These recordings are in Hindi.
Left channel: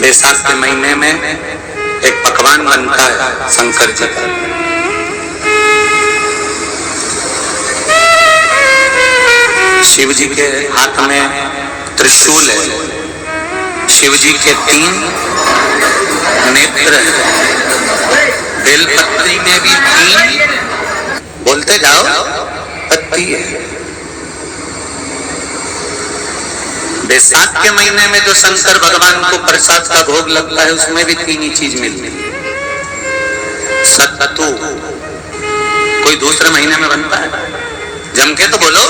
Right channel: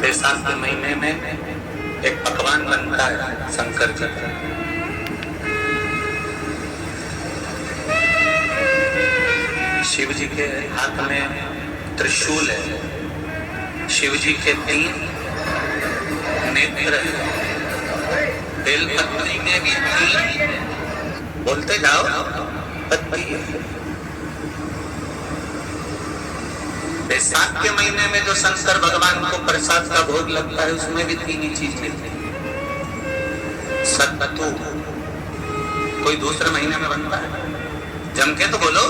बैसाख के महीने में एक पकवान बनता है शंकर जी का। शिव जी के हाथ में त्रिशूल है, शिव जी के 3 नेत्र है, बेलपत्री में भी 3, बोलते जाओ, पत्ती है। बैसाख के महीने में जो शंकर भगवान को प्रसाद का भोग लगता है उसमें भी 3 ही चीज मिलती है। सत्तू कोई दूसरे महीने में बनता है? जम के तो बोलो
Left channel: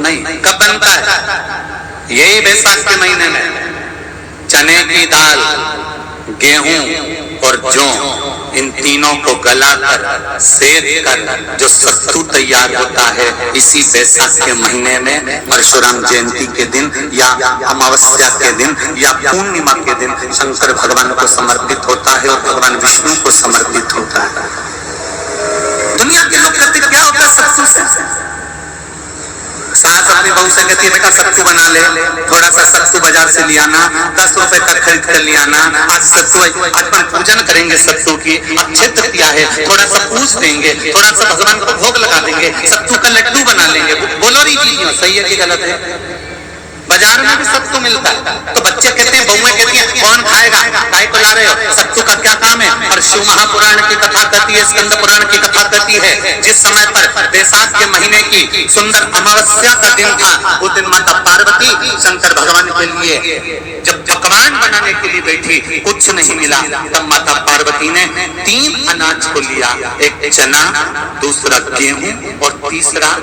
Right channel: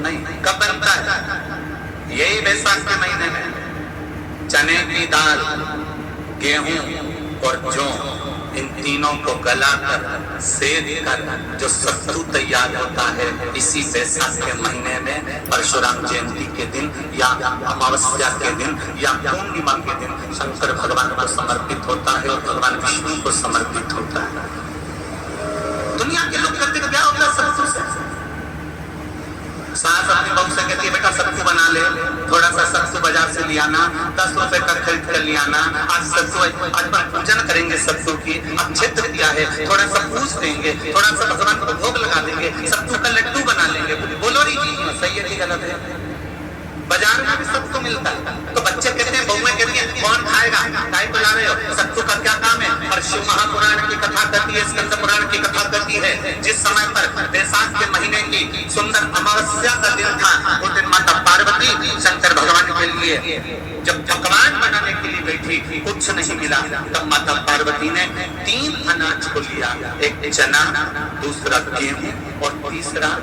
नहीं। कब बनता है? यही बैसाख के महीने में। चने की दाल, गेहूं और जौ, इन तीनों को गलाकर सेक कर जो सत्तू तैयार होता है, इसी बैसाख के महीने में परशुराम जयंती के दिन या अमावस्या के दिन या पूर्णिमा के दिन शंकर भगवान को समर्पित होता है और भगवान विष्णु को समर्पित होता है। दुनिया के लोग कहते क्या होता है सत्तू से? सास अपनी बहू से कहती है बेटा सत्तू बना ले, थोड़ा सा सत्तू बाजार से ले आना, 10 रुपए का खरीद कर ले आना। आज सत्तू, आज पर पूजन करेंगे सत्तू की, अच्छे तकिया है, थोड़ा सा पूछ देंगे, थोड़ा सा भगवान को भोग लगा देंगे, सत्तू का लड्डू बना लेंगे। बोलो रही चीज सही है कि गलत है? बाजार में भी सत्तू मिलता है, तो बच्चे कहते हैं, बहुएं कहती हैं कौन खाएगा, काय को ला रहे हो, सत्तू का क्या काम है? और शिव महापुराण की कथा कहती है, स्कंद पुराण की कथा कहती है, जिस समय पर बैसाख के महीने की सुंदर अमावस्या का दिन था, उस दिन माता पार्वती शंकर भगवान के लिए जब पकवान बनाने के लिए बैठी, कुछ नहीं मिला, तब माता पार्वती ने 3 अनाज को लिया, एक चना, दूसरा गेहूं और तीसरा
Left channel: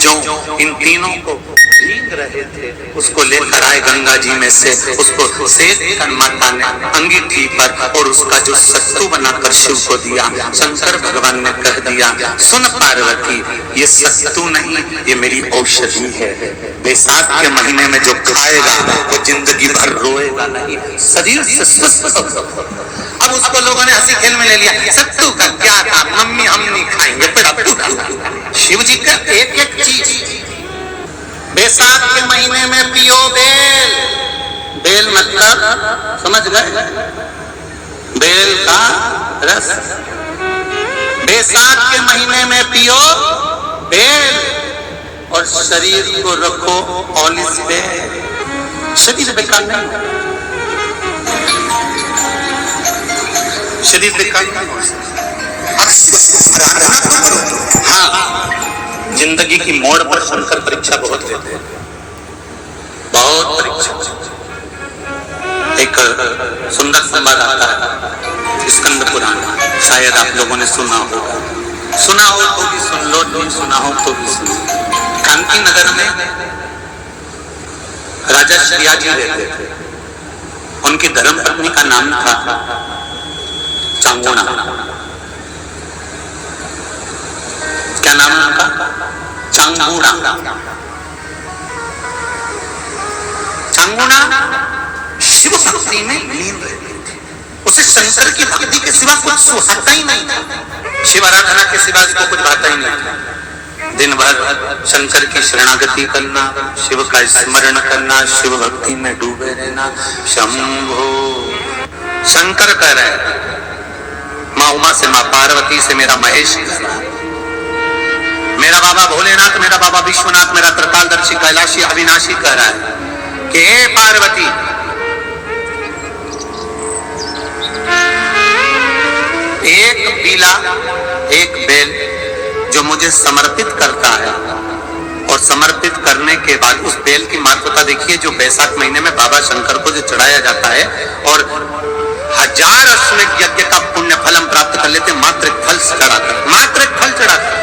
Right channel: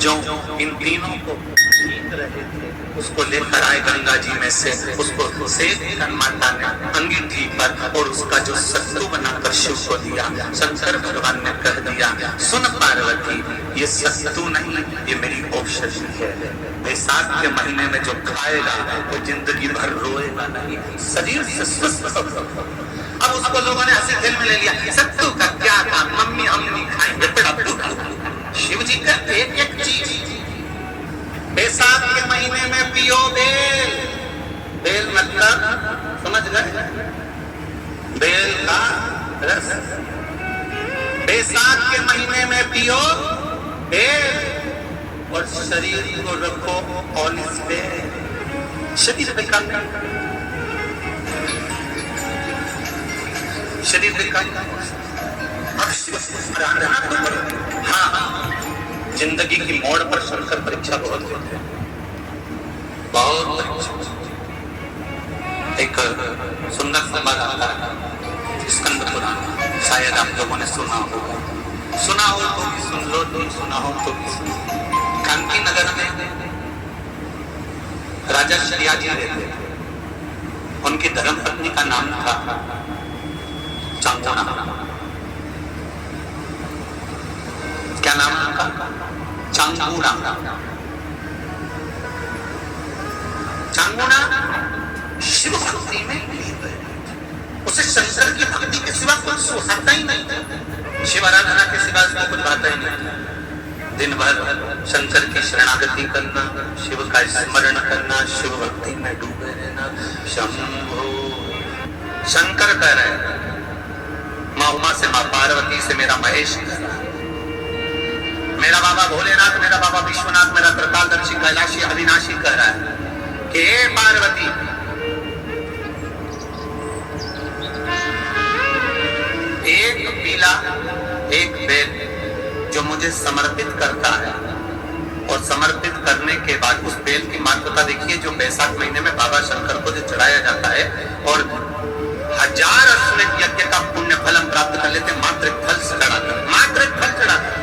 जो, इन तीनों को भीग रहे थे उसको लेकर आए गंगा जी में से, उसको सेक कर माता ने अंगीठी पर और उसका जो सत्तू बनाकर शिव को दिया। शंकर भगवान ने कह दिया, सुन पार्वती, ये सत्तू नहीं, ये मेरी औषधि है। बैसाख के महीने में जो खाएगा वो जिंदगी भर रोएगा नहीं, शरीर से स्वस्थ होगा। अब उसको लोगों ने हंसी खेल में ले लिया, सत्तू का क्या था, मम्मी हम नहीं खाएंगे। शिव जी का एक चीज, बैसाख के महीने में पियो बेल। बेल मतलब समझ गए? बेल का रस। बैसाख के महीने में पियो बेल और शरीर को रखो ऑलिस पे। शरीर बेकार नहीं, शरीर बेकार नहीं। हाँ, जिंदगी की मोड़ पर शंकर परीक्षा बहुत लेते हैं, बहुत परीक्षा। एक सुंदर संवाद आता है स्कंद पुराण, शायद आप लोगों ने सुना होगा, सुना हो तो भी सुन लो, नहीं सुना हो तो भी सुन लो। कांकी नगर में राजा श्रियाजी रहते थे, उनकी धर्मपत्नी का नाम था चांगुणा। क्या नाम उनका? चांगुणा। चांगुणा शिव भक्ति में लीन रहती थी, उसे शंकर की भक्ति के सिवा कुछ सुहाता ही नहीं था, शिव आराधना के सिवा उसको कुछ भाता ही नहीं था। दिन भर शंकर की शरणागति करना, शिव का स्मरण करना, शिव भक्ति में डूबे रहना। शंभो, शंकर कह रहे, माँ उमा से, माँ पार्वती से मेरा महेश, मेरा बाबा भोलेनाथ, मेरा बाबा विश्वनाथ, मेरा त्रिकालदर्शी कैलाशी अविनाशी कह रहा है कि हे पार्वती, एक पीला, एक बेल जो मुझे समर्पित करता है, और समर्पित करने के बाद उस बेल की महत्वता देखिए, जो बैसाख महीने में बाबा शंकर को जो चढ़ाया जाता है और 1000 अश्वमेध यज्ञ का पुण्य फल हम प्राप्त कर लेते, मात्र एक फल चढ़ाकर, मात्र एक फल चढ़ाकर।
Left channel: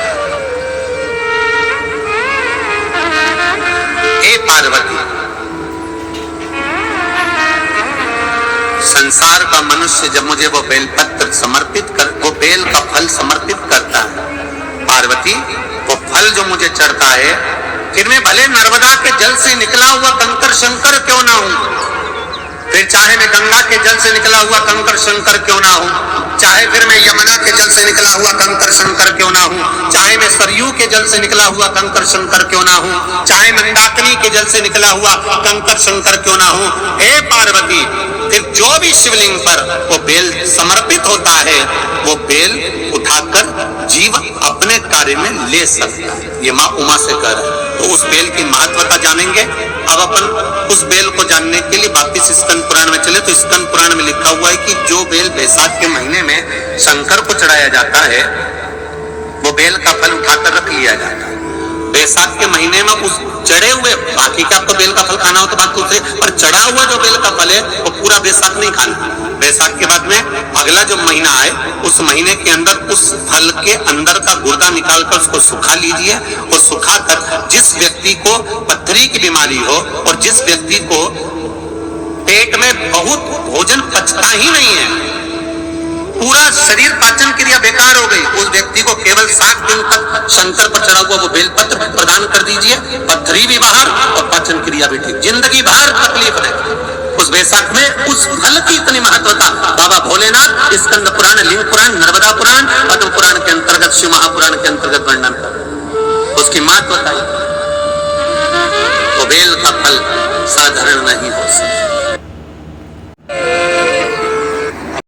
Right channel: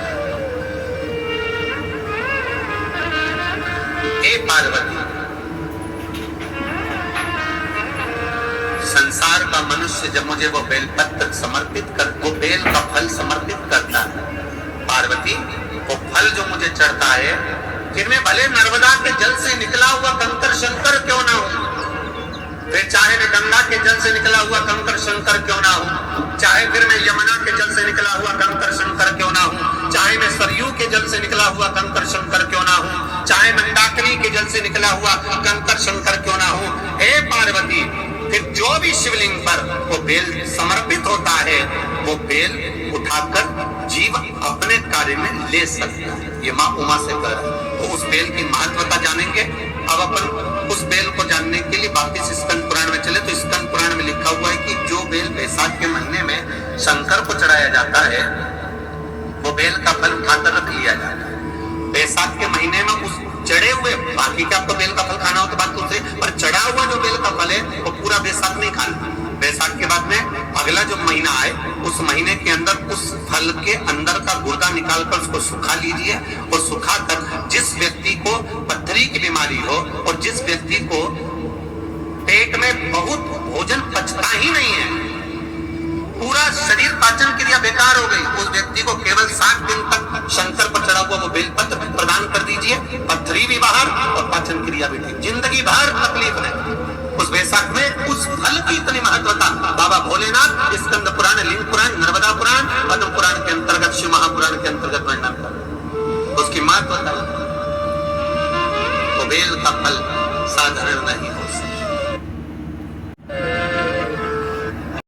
हे पार्वती, संसार का मनुष्य जब मुझे वो बेलपत्र समर्पित कर, वो बेल का फल समर्पित करता है, पार्वती वो फल जो मुझे चढ़ता है, फिर मैं भले नर्मदा के जल से निकला हुआ कंकर शंकर क्यों ना हूं, फिर चाहे मैं गंगा के जल से निकला हुआ कंकर शंकर क्यों ना हूं, चाहे फिर मैं यमुना के जल से निकला हुआ कंकर शंकर क्यों ना हूं, चाहे मैं सरयू के जल से निकला हुआ कंकर शंकर क्यों ना हूं, चाहे मंदाकिनी के जल से निकला हुआ कंकर शंकर क्यों ना हूं। हे पार्वती, फिर जो भी शिवलिंग पर वो बेल समर्पित होता है वो बेल उठाकर जीव अपने कार्य में ले सकता है। ये माँ उमा से कह रहा है। तो उस बेल की महत्वता जानेंगे। अब अपन उस बेल को जानने के लिए वापिस स्कंद पुराण में चले तो स्कंद पुराण में लिखा हुआ है कि जो बेल बैसाख के महीने में शंकर को चढ़ाया जाता है वो बेल का फल उठाकर रख लिया जाता है। बैसाख के महीने में उस चढ़े हुए, बाकी का आपको बेल का फल खाना हो तो बात दूसरी, पर चढ़ा हुआ जो बेल का फल है वो पूरा बैसाख नहीं खाना। बैसाख के बाद में अगला जो महीना आए उस महीने के अंदर उस फल के अंदर का गुर्दा निकालकर उसको सुखा लीजिए और सुखाकर जिस व्यक्ति को पथरी की बीमारी हो और जिस व्यक्ति को पेट में बहुत भोजन पचता ही नहीं है, पूरा शरीर पाचन क्रिया बेकार हो गई, उस व्यक्ति को केवल 7 दिन तक शंकर पर चढ़ा हुआ वो बेलपत्र प्रदान कर दीजिए। पथरी भी बाहर और पाचन क्रिया भी ठीक, जिंदगी भर तकलीफ नहीं। उस बैसाख में उस फल की इतनी महत्वता बाबा भोलेनाथ स्कंद पुराण, लिंग पुराण, नर्मदा पुराण, पद्म पुराण के अंतर्गत, शिव महापुराण के अंतर्गत वर्णन कर उसकी महत्वता। वो बेल का फल साधारण नहीं हो सकता।